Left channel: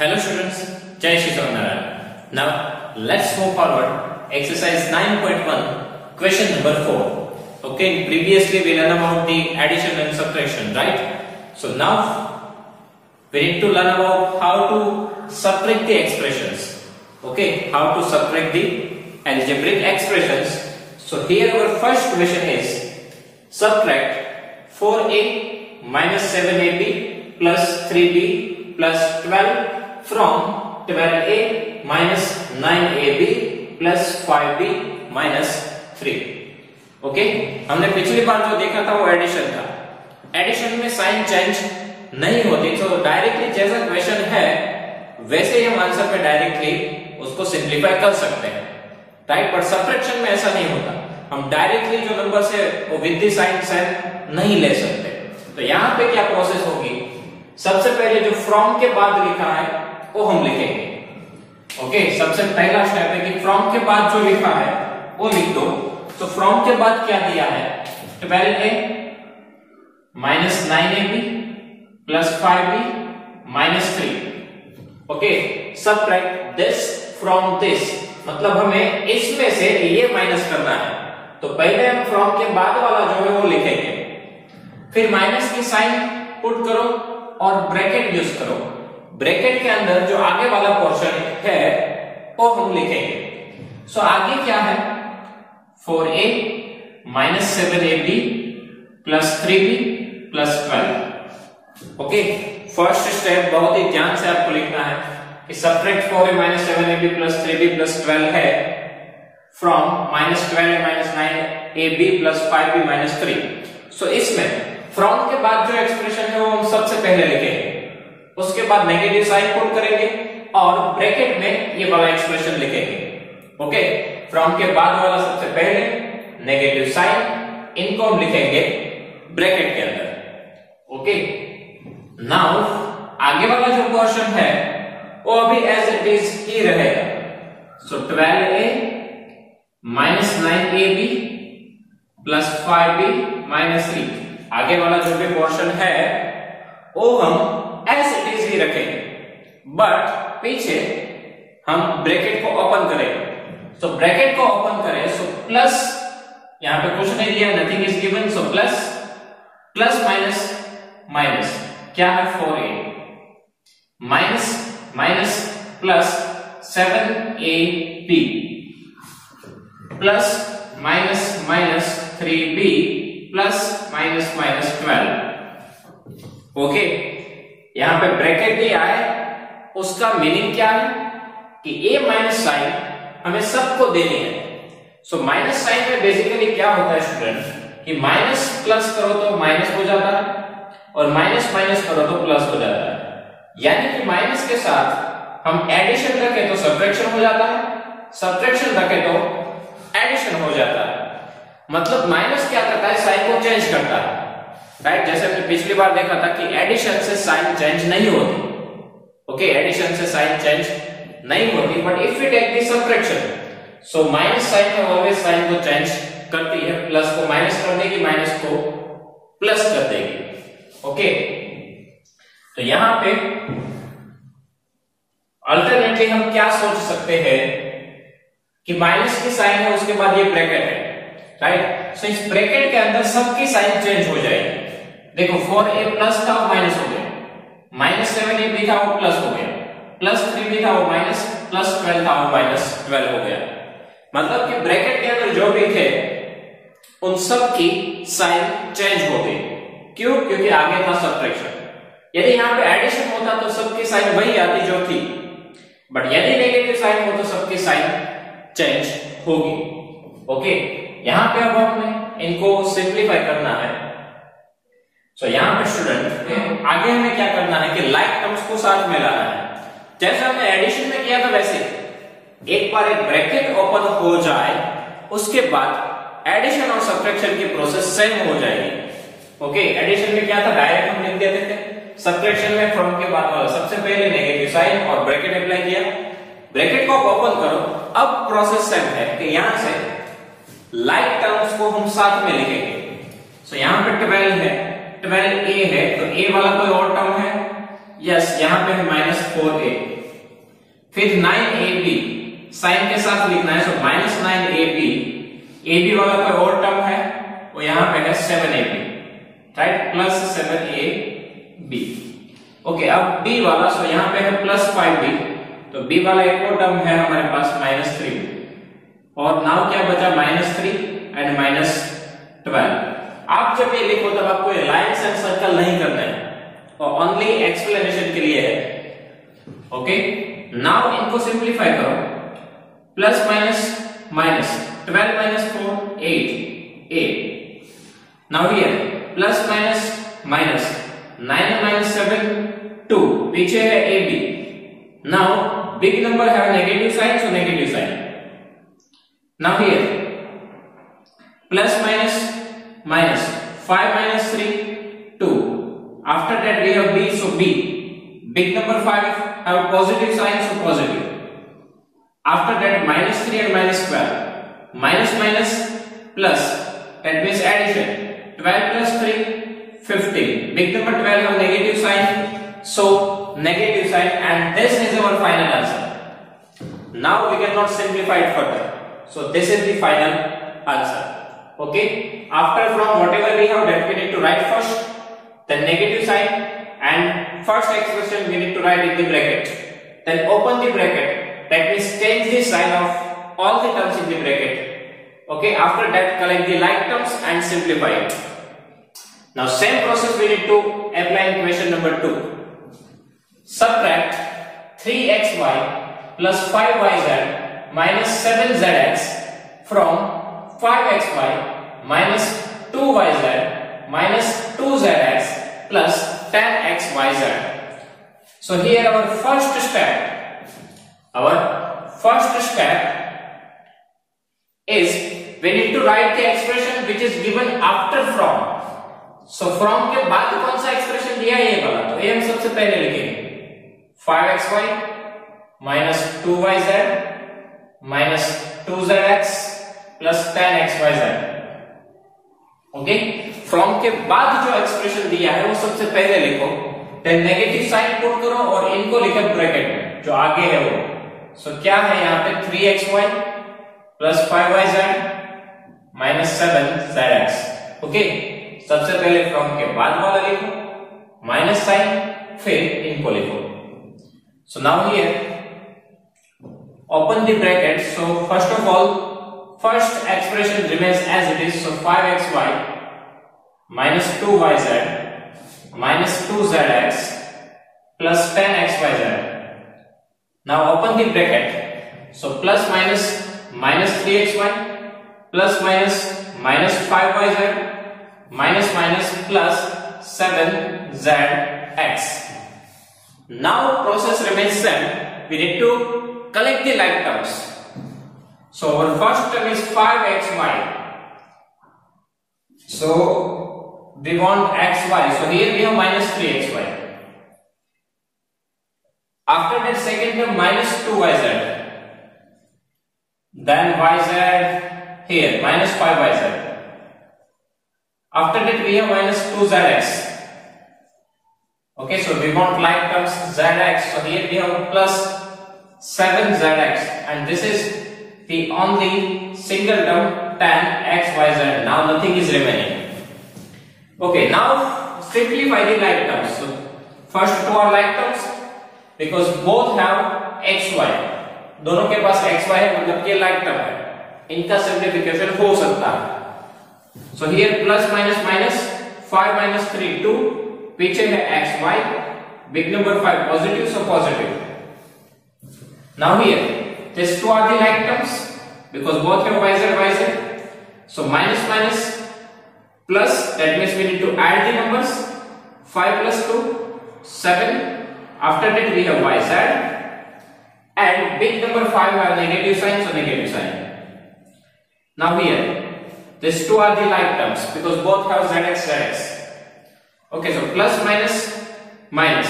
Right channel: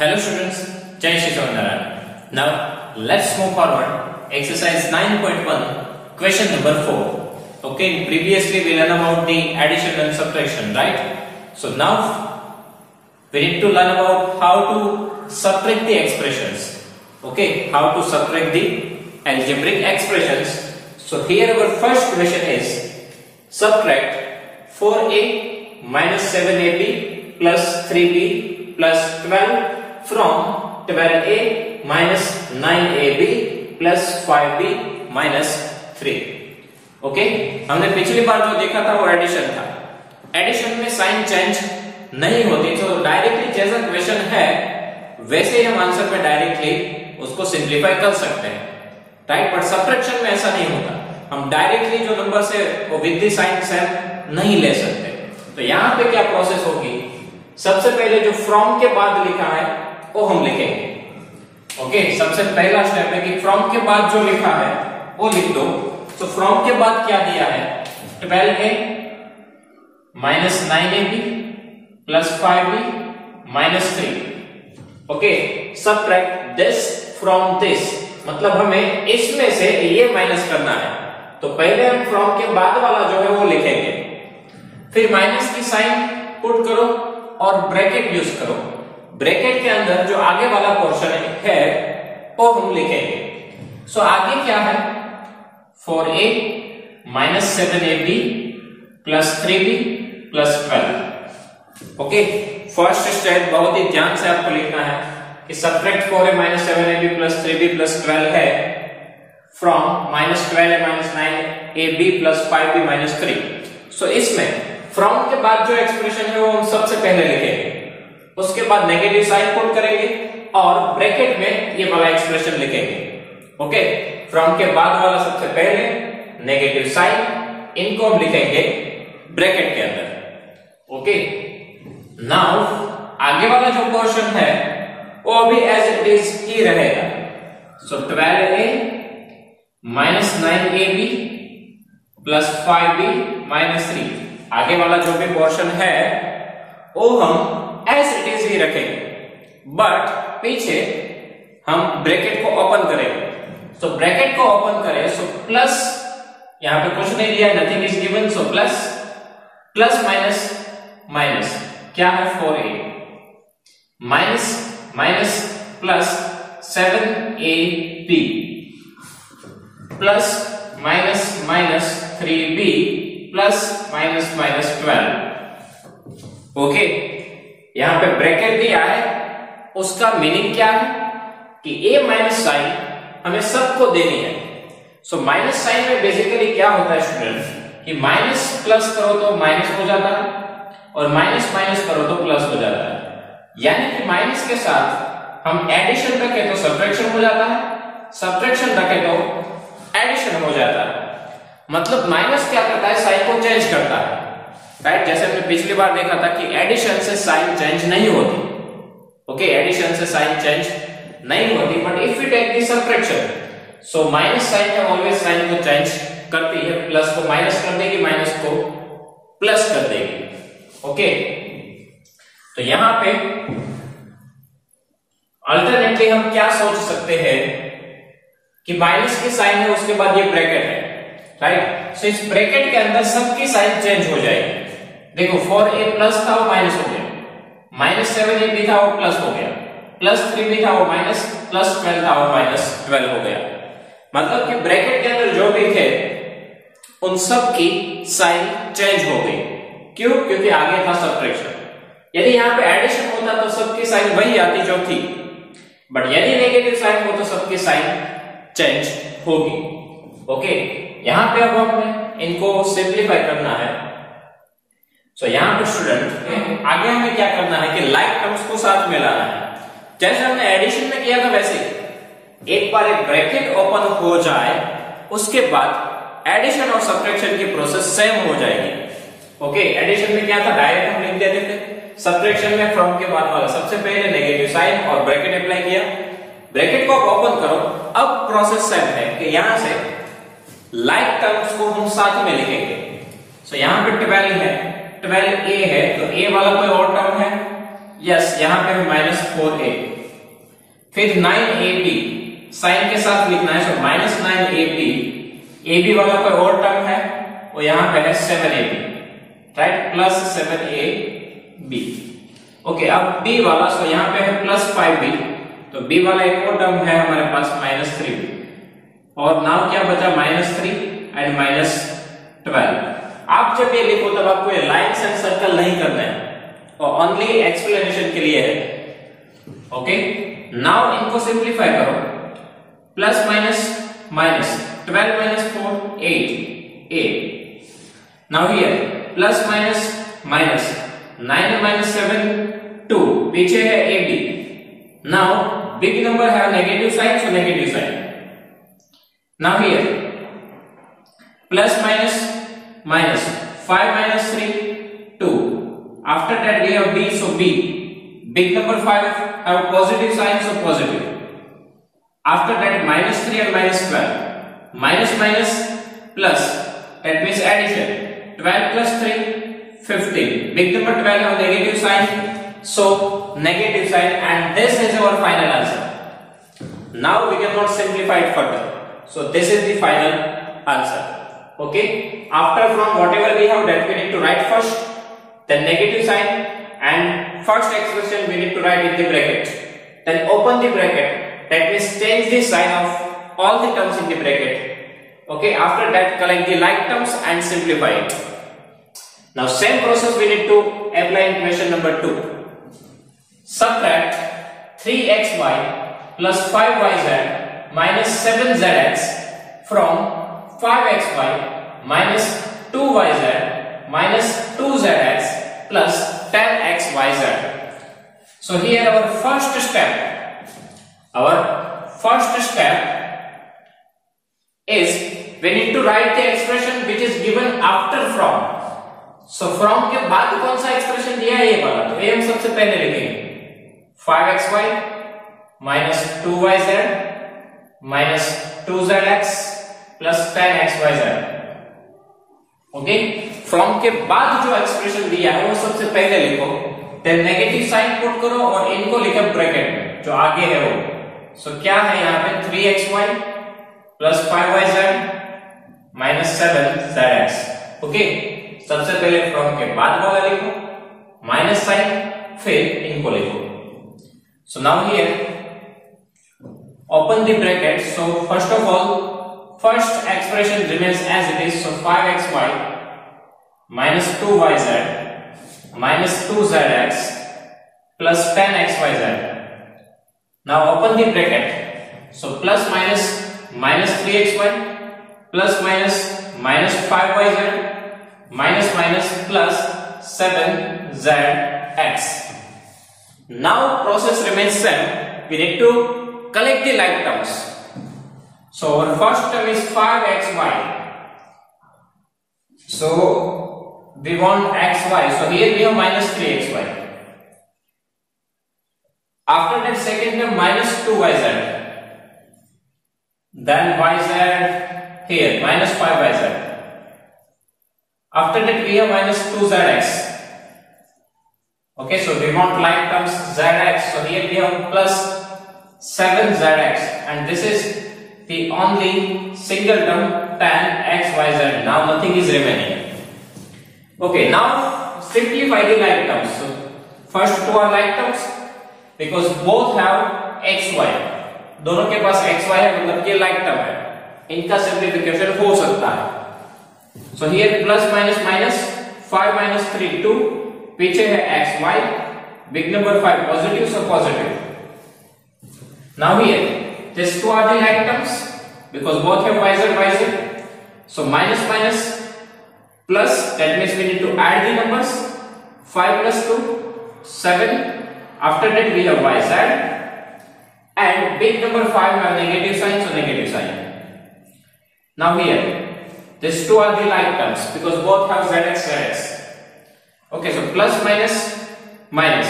Hello students, Jai Shri Swaminarayan. Now let's move forward. Exercise 9.1, question number 4. Okay, previously we learned about the addition and subtraction, right? So now we need to learn about how to subtract the expressions. Okay, how to subtract the algebraic expressions. So here our first question is subtract 4a minus 7ab plus 3b plus 12 from 12a minus 9ab plus 5b minus 3. Okay, हमने पिछली बार जो देखा था वो addition था. Addition में sign change नहीं होती, तो डायरेक्टली जैसा क्वेश्चन है वैसे ही हम आंसर पे डायरेक्टली उसको सिंप्लीफाई कर सकते हैं, राइट. बट सब्ट्रैक्शन में ऐसा नहीं होता. हम डायरेक्टली जो नंबर से वो विद द साइन सेम नहीं ले सकते. तो यहाँ पे क्या प्रोसेस होगी, सबसे पहले जो फ्रॉम के बाद लिखा है वो हम लिखेंगे. ओके, सबसे पहला स्टेप है कि फ्रॉम के बाद जो लिखा है वो लिख दो. तो फ्रॉम के बाद क्या दिया है, 12a minus 9ab plus 5b minus 3. Okay, subtract this from this, मतलब हमें इसमें से ये माइनस करना है. तो पहले हम फ्रॉम के बाद वाला जो है वो लिखेंगे, फिर माइनस की साइन पुट करो और ब्रैकेट यूज करो. ब्रैकेट के अंदर जो आगे वाला पोर्शन है वो हम लिखेंगे. सो आगे क्या है, 4a minus 7ab plus 3b plus 12. Okay, first step बहुत ही ध्यान से आपको लिखना है कि subtract 4a minus 7ab plus 3b plus 12 है from minus 12a minus 9ab plus 5b minus 3. सो इसमें फ्रॉम के बाद जो एक्सप्रेशन है वो हम सबसे पहले लिखेंगे, उसके बाद नेगेटिव साइन पुट करेंगे और ब्रैकेट में ये वाला एक्सप्रेशन लिखेंगे. ओके, फ्रॉम के बाद वाला सबसे पहले नेगेटिव साइन, इनको हम लिखेंगे ब्रैकेट के अंदर. ओके, नाउ आगे वाला जो पोर्शन है वो अभी एज इट इज ही रहेगा. सो 12a minus 9ab plus 5b minus 3. आगे वाला जो भी पोर्शन है वो हम एज इट इज ही रखेंगे, बट पीछे हम ब्रैकेट को ओपन करेंगे. तो ब्रैकेट को ओपन करें, सो प्लस, यहां पे कुछ नहीं दिया, nothing is given. So plus plus minus minus क्या है, 4a minus minus plus 7ab plus minus minus 3b plus minus minus 12. Okay, यहां पे ब्रैकेट भी आए, उसका मीनिंग क्या है कि a माइनस साइन हमें सबको देनी है. सो माइनस साइन में बेसिकली क्या होता है स्टूडेंट कि माइनस प्लस करो तो माइनस हो जाता है और माइनस माइनस करो तो प्लस हो जाता है. यानी कि माइनस के साथ हम एडिशन रखें तो सब्ट्रैक्शन हो जाता है, सब्ट्रैक्शन रखें तो एडिशन हो जाता है. मतलब माइनस क्या करता है, साइन को चेंज करता है, राइट. जैसे मैं पिछली बार देखा था कि एडिशन से साइन चेंज नहीं होती. ओके, एडिशन से साइन चेंज नहीं होती, but if we take the subtraction, so minus sign है ऑलवेज साइन को चेंज करती है. प्लस को माइनस कर देगी, माइनस को प्लस कर देगी. ओके, तो यहां पे अल्टरनेटली हम क्या सोच सकते हैं कि माइनस की साइन है, उसके बाद ये ब्रैकेट है, राइट. सो इस ब्रैकेट के अंदर सबकी साइन चेंज हो जाएगी. देखो 4a प्लस था वो माइनस हो गया, माइनस 7ab था वो प्लस हो गया, प्लस 3b था वो माइनस, प्लस 12 था वो माइनस 12 हो गया. मतलब कि ब्रैकेट के अंदर जो भी थे उन सब की साइन चेंज हो गई. क्यों? क्योंकि आगे था सब्ट्रैक्शन. यदि यहाँ पे एडिशन होता तो सबकी साइन वही आती जो थी, बट यदि नेगेटिव साइन हो तो सबकी साइन चेंज होगी. ओके, यहां पे अब हमें इनको सिंप्लीफाई करना है. सो यहां पे स्टूडेंट आगे हमें क्या करना है कि लाइक टर्म्स को साथ में लाना है. जैसे हमने एडिशन में किया था वैसे एक बार एक ब्रैकेट ओपन हो जाए उसके बाद एडिशन और सब्ट्रैक्शन की प्रोसेस सेम हो जाएगी. ओके, एडिशन में क्या था, डायरेक्ट हम लिख देते थे. सब्ट्रैक्शन में फ्रॉम के बाद वाला सबसे पहले नेगेटिव साइन और ब्रैकेट अप्लाई किया. ब्रैकेट को ओपन करो, अब प्रोसेस सेम है कि यहां से लाइक टर्म्स को हम साथ में लिखेंगे. सो यहां पे 12 है, 12a है, तो a वाला कोई और टर्म है, यस, यहां पे है -4a, फिर 9ab साइन के साथ लिखना है, सो माइनस 9ab, ab वाला कोई और टर्म है वो यहां पे है 7ab, right, plus 7ab। Okay, अब b वाला, सो यहां पे है प्लस 5b, तो b वाला एक और टर्म है हमारे पास माइनस 3b, और नाउ क्या बचा -3 एंड -12। आप जब ये लिखो तब आपको ये लाइन्स एंड सर्कल नहीं करना है, और ओनली एक्सप्लेनेशन के लिए है। ओके, नाउ इनको सिंप्लीफाई करो, plus minus minus 12 minus 4 8, now here plus minus minus 9 minus 7 2, पीछे है ab, now big number have negative sign, so negative sign, now here plus minus minus 5 minus 3 2, after that we have b, so b, big number 5 have positive sign, so positive, after that minus 3 and minus 12, minus minus plus, that means addition, 12 plus 3 15, big number 12 have negative sign, so negative sign, and this is our final answer. Now we cannot simplify it further, so this is the final answer. Okay, after from whatever we have done, we need to write first then negative sign, and first expression we need to write in the bracket, then open the bracket, that means change the sign of all the terms in the bracket. Okay, after that collect the like terms and simplify it. Now same process we need to apply in question number 2. Subtract 3xy plus 5yz minus 7zx from 5xy minus 2yz minus 2zx plus 10xyz. So here our first step is we need to write the expression which is given after from. So from के बाद कौन सा expression दिया है ये वाला, तो ये हम सबसे पहले लिखेंगे 5xy minus 2yz minus 2zx plus 10xyz. Okay, from के बाद जो एक्सप्रेशन दिया है वो सबसे पहले लिखो, देन नेगेटिव साइन पुट करो और इनको लिखो ब्रैकेट में जो आगे है वो। सो क्या है यहाँ पे 3xy plus 5yz minus 7zx. Okay, सबसे पहले फ्रॉम के बाद वाला लिखो, माइनस साइन, फिर इनको लिखो. So now here open the bracket. So first of all, first expression remains as it is. So 5xy minus 2yz minus 2zx plus 10xyz. Now open the bracket. So plus minus minus 3xy plus minus minus 5yz minus minus plus 7zx. Now process remains same. We need to collect the like terms. So our first term is 5xy. So we want xy. So here we have minus 3xy. After that second term minus 2yz. Then yz here minus 5yz. After that we have minus 2zx. Okay, so we want like terms zx. So here we have plus 7zx, and this is the only single term 10xyz. Now nothing is remaining. Okay, now simplify the like terms. So first two are like terms because both have xy. दोनों के पास xy है मतलब के like term है. इनका simplification हो सकता है. So here plus minus minus 5 minus 3 2. पीछे है xy. Big number 5 positive, so positive. Now here, these two are the like terms because both have yz. So minus minus plus, that means we need to add the numbers. 5 plus 2, 7. After that we have yz, and big number 5 have negative sign, so negative sign. Now here, these two are the like terms because both have zx. Okay, so plus minus minus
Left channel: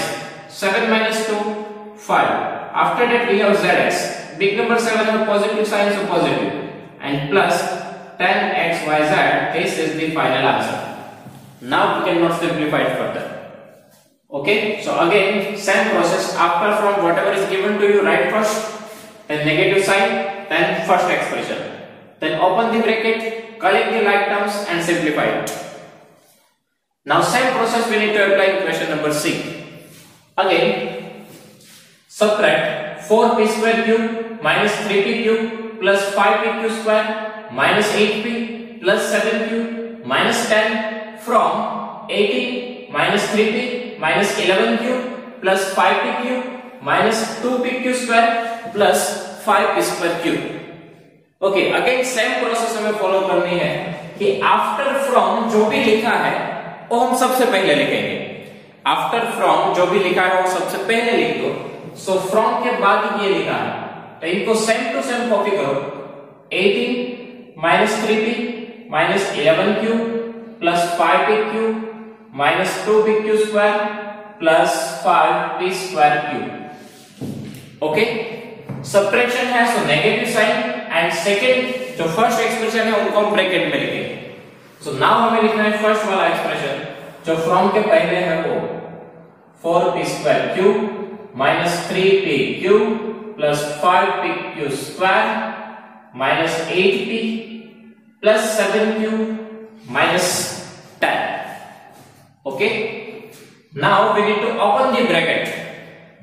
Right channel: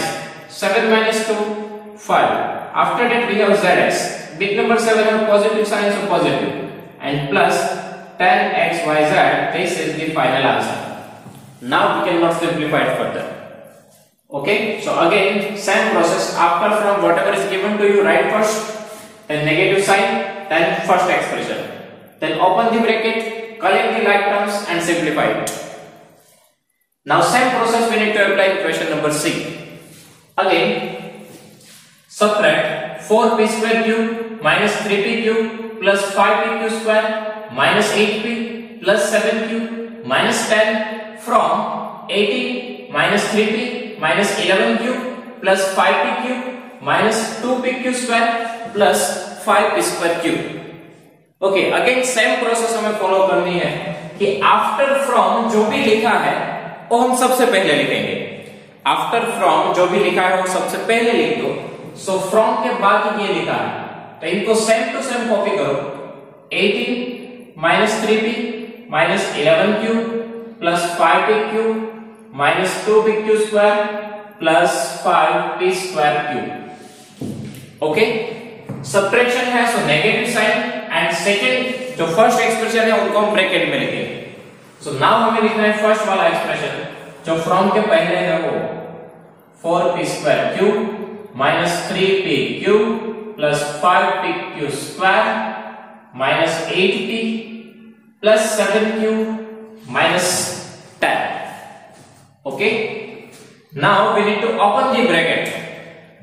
7 minus 2, 5. After that we have zx. Big number 7 have positive sign, so positive, and plus 10xyz. This is the final answer. Now we cannot simplify it further. Okay, so again same process. After from whatever is given to you, write first, then negative sign, then first expression, then open the bracket, collect the like terms and simplify it. Now same process we need to apply in question number C. Again subtract 4p square cube minus 3p cube plus 5p square minus 8p plus 7q minus 10 from 18 minus 3p minus 11 cube plus 5p cube minus 2p square plus 5p square cube. Okay, again same process हमें follow करनी है कि after from जो भी लिखा है वो हम सबसे पहले लिखेंगे. आफ्टर फ्रॉम जो भी लिखा है वो सबसे पहले लिख दो. सो फ्रॉम के बाद ये लिखा है तो इनको सेम टू सेम कॉपी करो. 18 minus 3p minus 11 cube plus 5p cube minus 2p square plus 5p square cube. Okay, subtraction है so negative sign and second जो फर्स्ट एक्सप्रेशन है उनको ब्रैकेट में लिखेंगे. सो नाउ हमें लिखना है फर्स्ट वाला एक्सप्रेशन जो फ्रॉम के पहले है वो 4p square cube minus 3p cube plus 5p square minus 8p plus 7q minus 10. Okay, now we need to open the bracket.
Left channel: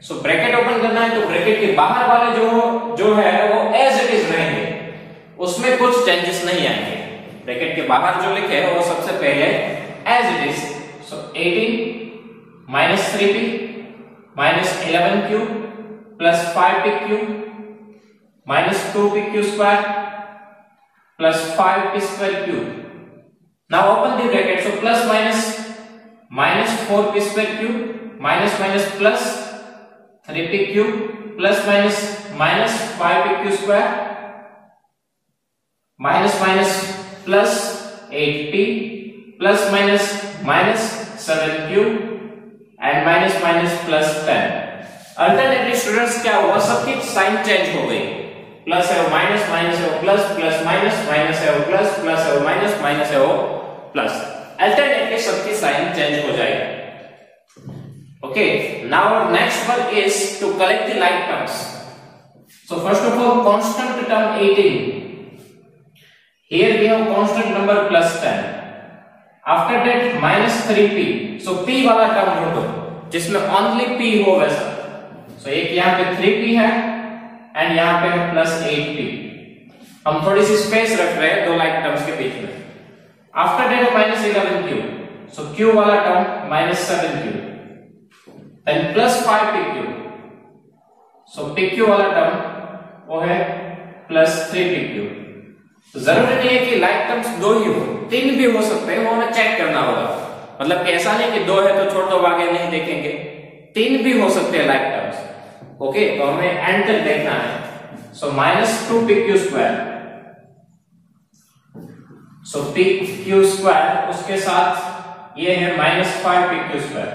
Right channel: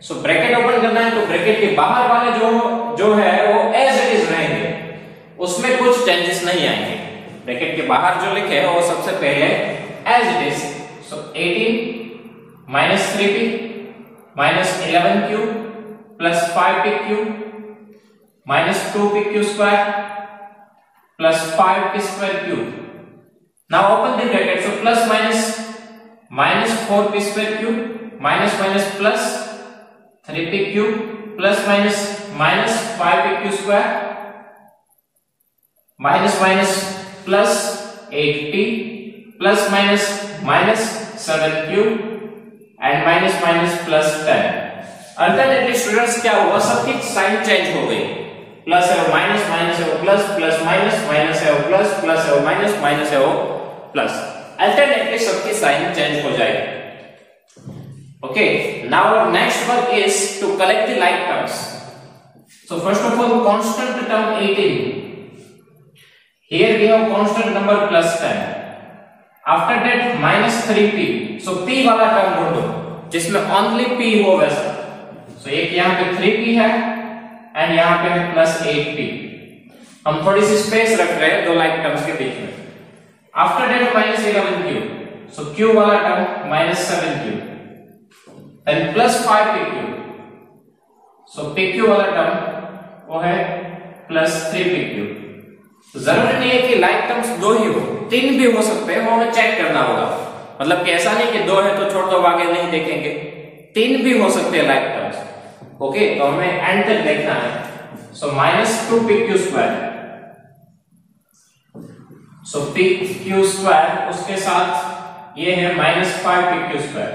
So bracket open करना है तो ब्रैकेट के बाहर वाले जो है वो एज इट इज रहेंगे, उसमें कुछ चेंजेस नहीं आएंगे. ब्रैकेट के बाहर जो लिखे है वो सबसे पहले as it is. So 18 minus 3p minus 11 cube plus 5p cube minus 2p square plus 5p square cube. Now open the bracket. So plus minus 4p square cube minus minus plus 3p cube plus minus 5p square minus minus plus 8p plus minus 7q and minus plus 10. Alternately students क्या हुआ, सबकी sign change हो गई. Plus है वो minus है वो plus plus minus है वो प्लस प्लस है वो माइनस है वो प्लस. अल्टरनेटली सबकी साइन चेंज हो जाएगी. Okay, now our next work is to collect the like terms. So first of all, constant term 18. Here we have constant number plus 10. After that minus 3p. So p वाला term ढूंढो जिसमें only p हो वैसा. So एक यहाँ पे 3p है and यहाँ पे है प्लस 8p. हम थोड़ी सी स्पेस रख रहे हैं दो like terms के बीच में. After that minus 11q. So q वाला term minus 7q. Then plus 5p cube. So pq वाला टर्म वो है plus 3p cube. जरूरी नहीं है कि लाइक टर्म्स दो ही हो, तीन भी हो सकते हैं, वो हमें चेक करना होगा. मतलब कि ऐसा नहीं कि दो है तो छोड़ दो आगे नहीं देखेंगे, तीन भी हो सकते हैं लाइक टर्म्स. ओके, तो हमें एंड तक देखना है. So minus 2p square. So p square उसके साथ ये है minus 5p square.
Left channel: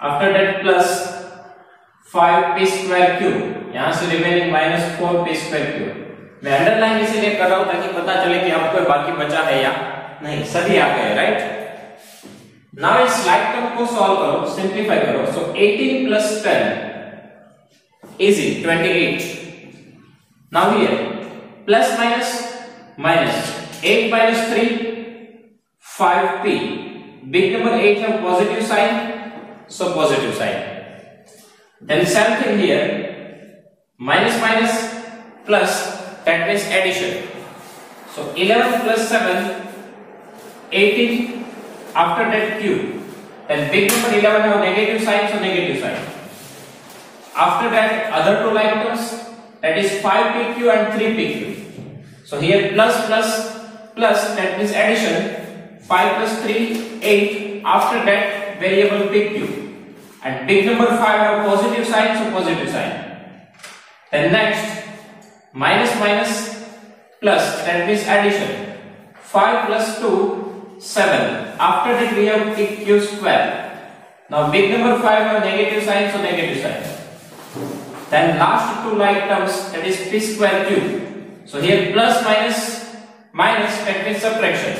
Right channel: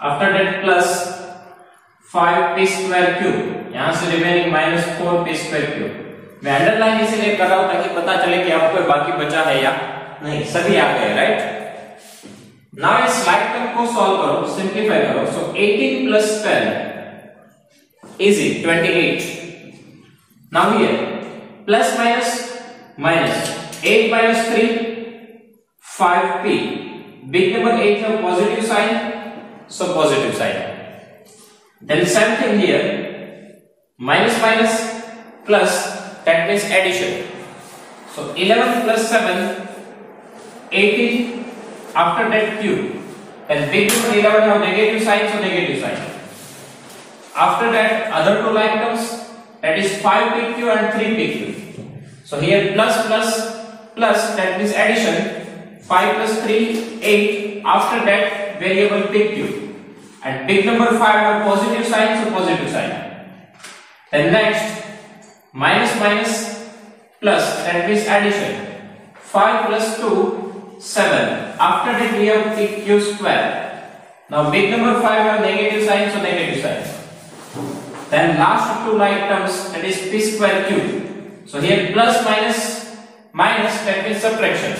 After that plus 5p square cube, यहां से remaining minus 4p square cube. मैं अंडरलाइन इसीलिए कर रहा हूं ताकि पता चले कि आपको बाकी बचा है या नहीं. सभी आ गए, राइट. नाउ इस लाइक टर्म को सॉल्व करो, सिंप्लीफाई करो. सो 18 plus 10 easy 28. Now here plus minus 8 minus 3 5p. Big number 8 have positive sign, so positive sign. Then same thing here, minus plus, that means addition. So 11 plus 7 18. After that cube. Then big number 11 have negative sign, so negative sign. After that other two like terms, that is 5pq and 3pq. So here plus, that means addition. 5 plus 3 8. After that variable pq. And big number 5 have positive sign, so positive sign. Then next minus plus, that means addition. 5 plus 2 7. After that we have pq square. Now big number 5 have negative sign, so negative sign. Then last two like terms, that is p square cube. So here plus minus, that means subtraction.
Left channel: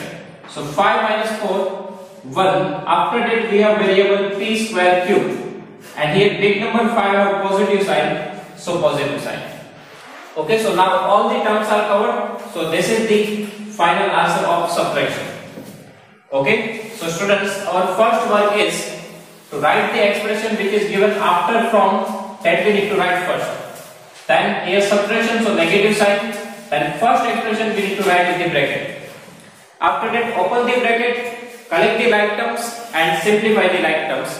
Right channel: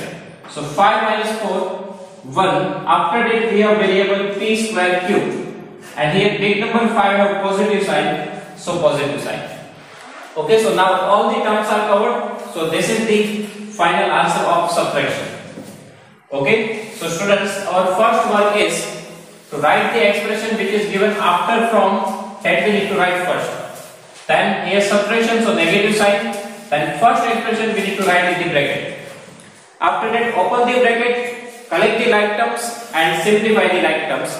So 5 minus 4 1. After that we have variable p square cube, and here big number 5 have positive sign, so positive sign. Okay, so now all the terms are covered. So this is the final answer of subtraction. Okay, so students, our first work is to write the expression which is given after from, that we need to write first. Then here subtraction, so negative sign. Then first expression we need to write in the bracket. After that open the bracket, collect the like terms and simplify the like terms.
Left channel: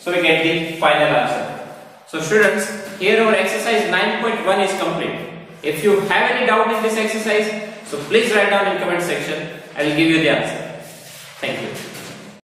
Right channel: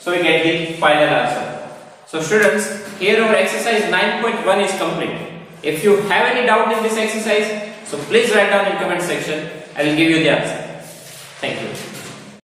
So we get the final answer. So students, here our exercise 9.1 is complete. If you have any doubt in this exercise, so please write down in comment section. I will give you the answer. Thank you.